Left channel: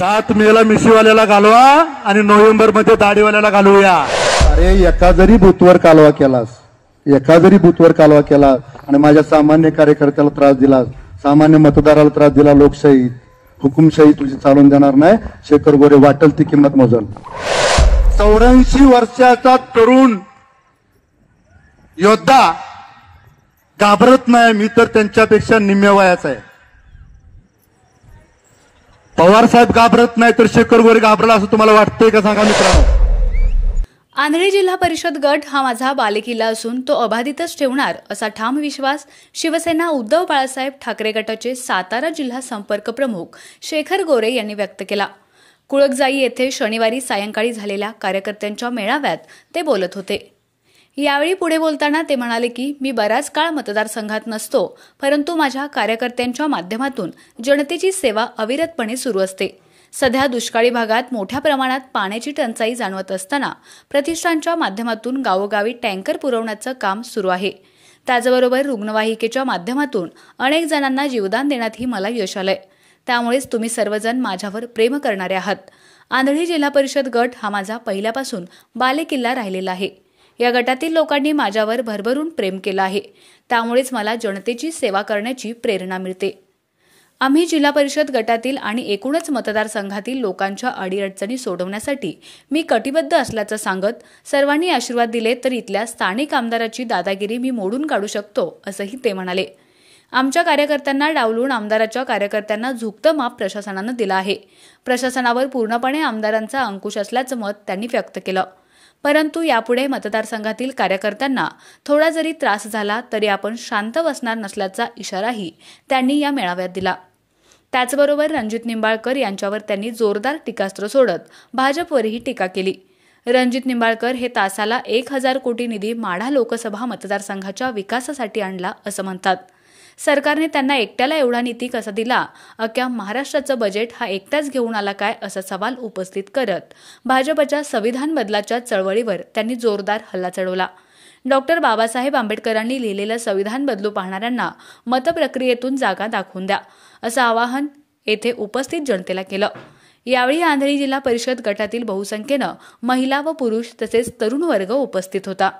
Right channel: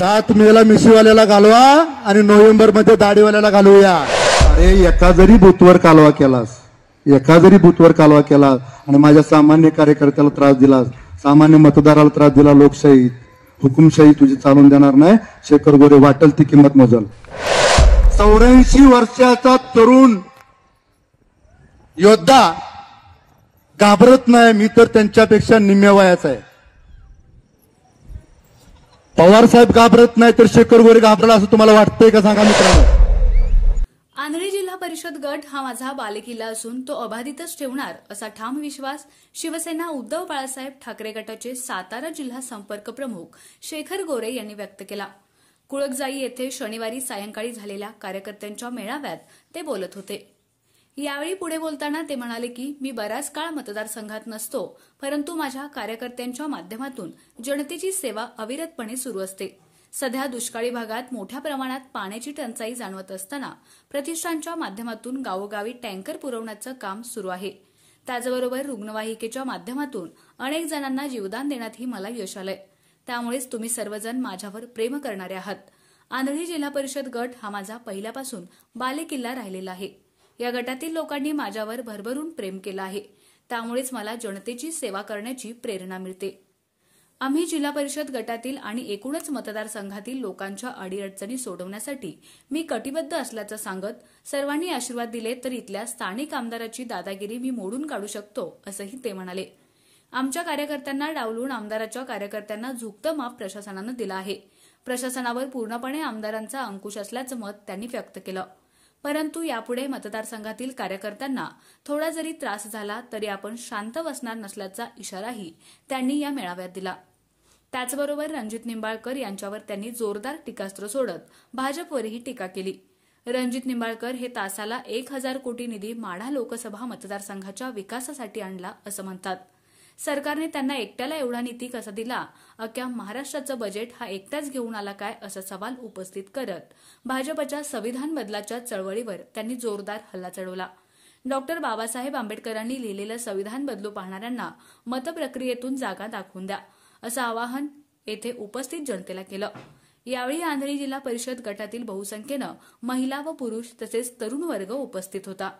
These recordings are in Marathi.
7 मेला मिशीवाल्याला घालवा आणि नोव्हेंबर मध्ये दाढीवाल्याला घालूया। अरे एका जरी बूथवर कालवा केलास, एका जरी बूथवर कालवा केला आणि माझ्या सामान्य कार्यकर्त्याला त्रास दिला, सामान्य मतदाराला त्रास दिला, लोकशाही हुकुमशाही तुझी चालून देणार नाही। शेखर गोरे वाटेल ती किंमत मोजल। 84 वर्षाचा तरुण योद्धा घाबरत नाही, मी तर त्यांच्यापेक्षा निम्मे वयाचा आहे। पवार साहेब घाबरत नाही तर शेखर गोरे घाबरला असं तुम्हाला वाटतंय का सांगा मित्रांनो। आंधळी जिल्हा परिषद गट हा माझा बालेकिल्ला असून तो अबाधितच ठेवणार असा ठाम विश्वास शिवसेना उद्धव बाळासाहेब ठाकरे गटाचे सातारा जिल्हा संपर्क प्रमुख शेखर गोरे यांनी व्यक्त केला। कुळकजाई येथे शनिवारी सायंकाळी झालेल्या कार्यकर्त्यांच्या मेळाव्यात ते बोलत होते। यावेळी पुढे बोलताना ते म्हणाले की मी बराच काळ मतदारसंघात नसतो, परंतु माझ्या कार्यकर्त्यांच्या माध्यमातून जनतेची सेवा अविरतपणे सुरू असते। सध्या दुष्काळी भागात मोठ्या प्रमाणात पाण्याची टंचाई जाणवत असताना प्रतिष्ठानच्या माध्यमातून गावोगावी टँकर पुरवण्याचं काम सुरू आहे। त्याचबरोबर रुग्णवाहिकेच्या माध्यमातून अनेक जणांना जीवदान देण्यातही मला यश आलंय। त्यामुळेच तुम्ही सर्वजण माझ्यावर प्रेम करणारे आहात। आंधळी जिल्हा परिषद गट हा माझा पहिल्यापासून बालेकिल्ला राहिलेला आहे। या गटातील लोकांनी माझ्यावर भरभरून प्रेम केलं आहे, त्यामुळेच मला जनतेची सेवा करण्याची प्रेरणा मिळते। आम्ही जिल्हा परिषद गटातील आणि एकूणच मतदारसंघातील लोकांच्या अडीअडचणी सोडवण्यासाठी मी कटिबद्ध असल्याचं सांगत सर्वांनी आशीर्वाद दिले तर इथल्या स्थानिक आमदाराची दादागिरी मी मोडून काढू शकतो असंही ते म्हणाले। आमच्या कार्यकर्त्यांना डावलून आमदाराच्या कार्यकर्त्यांना झुकतं माप प्रशासनानं दिलं आहे। प्रशासनावर पूर्णपणे आमदारांचा अंकुश असल्याचं मत त्यांनी व्यक्त केलं। परंतु यापुढे मतदारसंघातील कार्यकर्त्यांना थोडा जरी त्रास झाला तरी आपण शांत बसणार नसल्याचा इशाराही त्यांनी या मेळाव्यात दिला। त्याचबरोबर रणजित निंबाळकर यांच्यावर त्यांनी जोरदार टीकास्त्र सोडत भाजपवरही टीका केली। रणजित निंबाळकर हे तासाला 1000 कोटी निधी माढा लोकसभा मतदारसंघाच्या विकासासाठी आणला असं म्हणतात। सरकारने त्यांना एकट्याला एवढा निधी कसा दिला, अख्ख्या महाराष्ट्राचं बजेट हा एकटाच घेऊन आला काय असा सवाल उपस्थित करत भाजपच्या संविधान बदलाच्या चळवळीवर त्यांनी जोरदार हल्ला चढवला। डॉक्टर बाबासाहेब आंबेडकरांनी लिहिलेलं संविधान बदलू पाहणाऱ्यांना मतप्रक्रियेतून जागा दाखवून द्या असं आवाहन येथे उपस्थित जनतेला केलं। यावेळी आंधळी जिल्हा परिषद गटातील बहुसंख्येनं महिला व पुरुष तसेच तरुण वर्ग उपस्थित होता।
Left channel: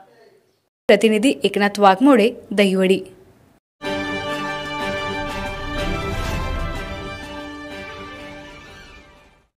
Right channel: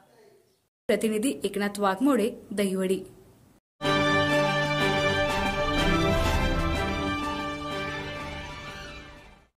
प्रतिनिधी एकनाथ वाघमोडे, दहिवडी।